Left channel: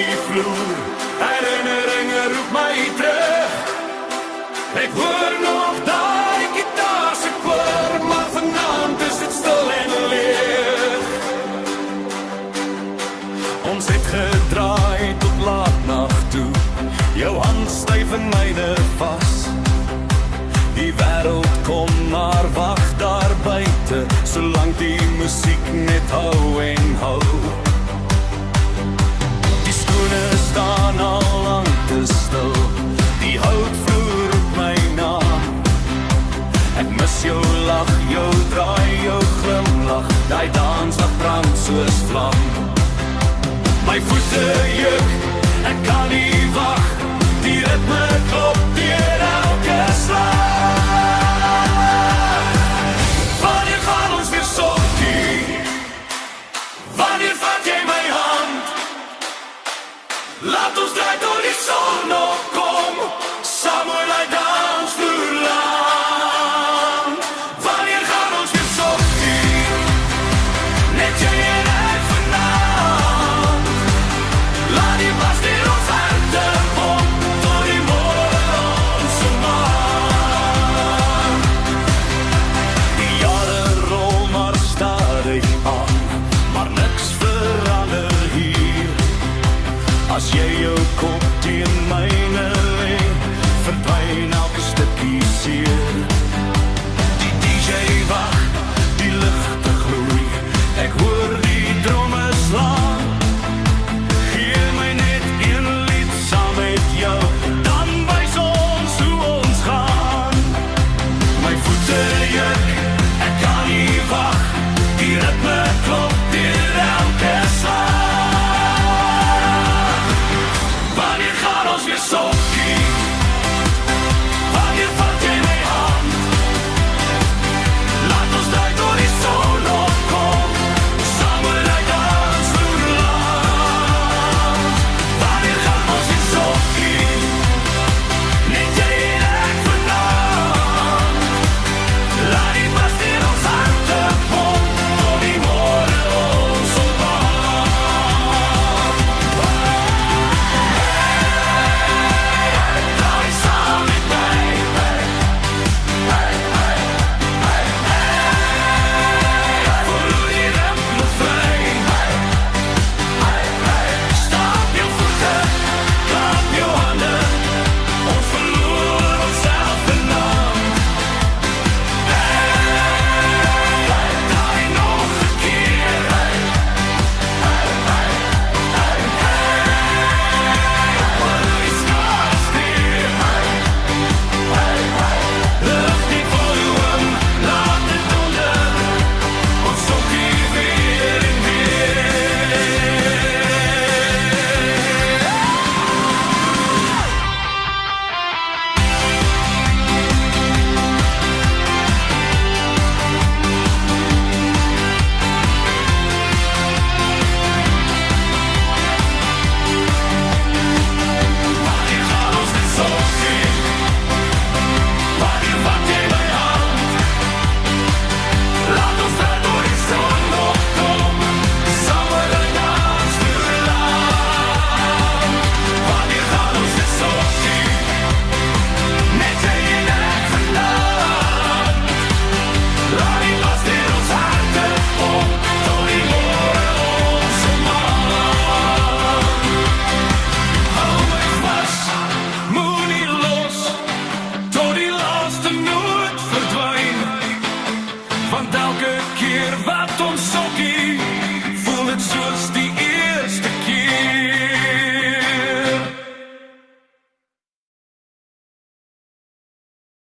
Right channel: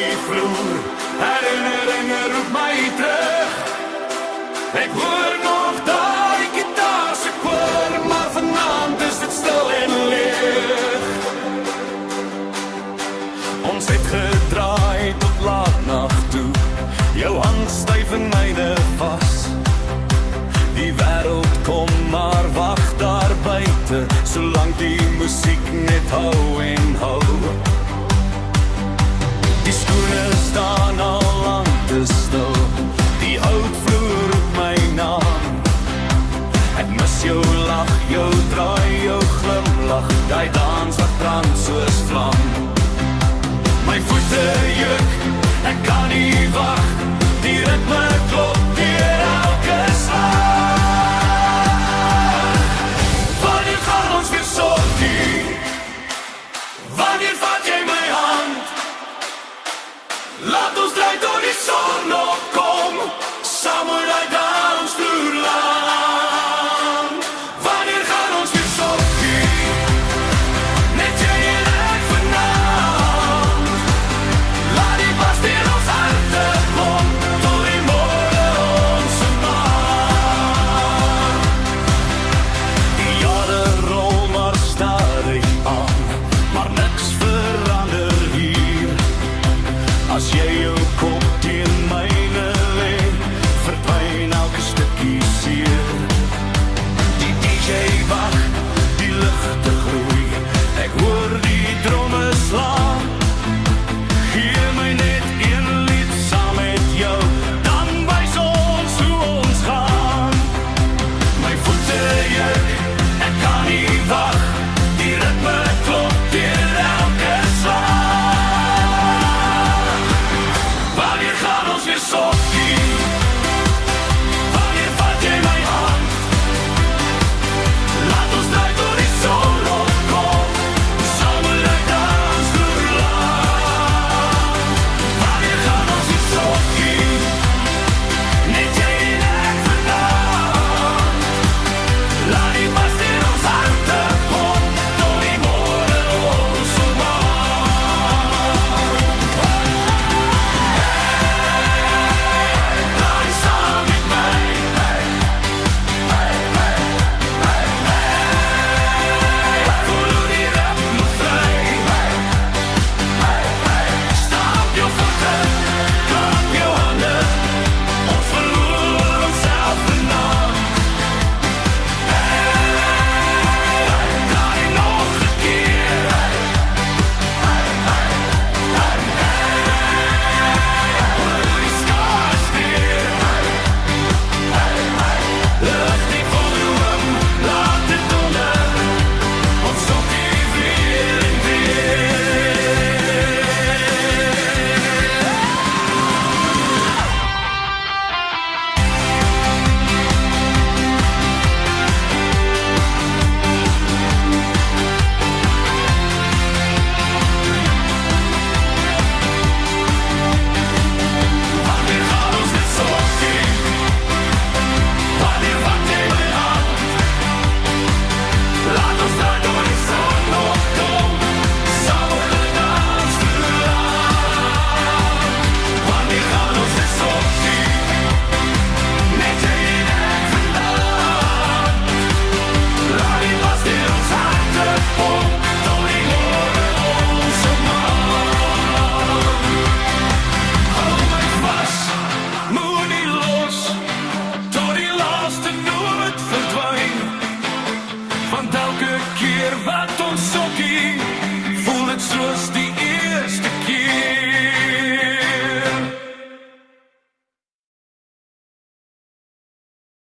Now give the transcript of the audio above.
die vloer. Herinneringe roep my terug. Ek hoor nog daai gitaar se koor, maar vanaand is dit stil en leeg. Ons het gedraai tot laat nag toe, jou hand styf in myne vas. Die wêreld kom maar wag daar buite, solank die musiek net hou en hou. Die skoene staan al lang te stil, die houtvloer roep my naam. Ek mis jou lach, jou draai, jou glimlach, die dans wat brand soos vlam. My voete juk, ek kan nie wag, die ritme klop deur elke slag. Wanneer gaan ons weer sokkie? Wanneer vat jy my hand? Laat ons draai tot die son opkom, saam oor die dansvloer land. Wanneer gaan ons weer sokkie? Net jy en ek vanaand. Laat die bas deur ons harte pomp, tot die môre ons maar. Die jare rol maar stadig aan, maar niks verander hier. As jy jou kop teen myne lê, verdwyn elke stukkie seer. Die DJ wag, die ligte gloei, ek hoor die drome slaan. Gee my net een lied saam met jou, dan wys ons hoe ons gaan. My voete juk, ek kan nie wag, die ritme klop deur elke slag. Wanneer gaan ons weer sokkie? Wanneer vat jy my hand? Laat ons draai tot die son opkom, saam met die dansvloer land. Wanneer gaan ons weer sokkie? Net jy en ek vanaand. Laat die bas deur ons harte pomp, tot die môre ons maar. Draai saam met my. Voel hoe die ritme vry. Stap jou voete, klap jou hande, ons verloor onsself vanaand. Draai nog 'n keer. Voel hoe die skare skree. Lig die volume, laat dit donder, ons sokkie weer en weer. Wanneer gaan ons weer sokkie? Wanneer vat jy my hand? Laat ons draai tot die son opkom, saam oor die dansvloer land. Wanneer gaan ons weer sokkie? Net jy en ek vanaand. Laat die bas deur ons harte pomp, tot die môre ons maar. Hou my vas, moenie los, tot die laaste noot verdwyn. Want elke keer wat ons sokkie, voel dit soos die eerste keer.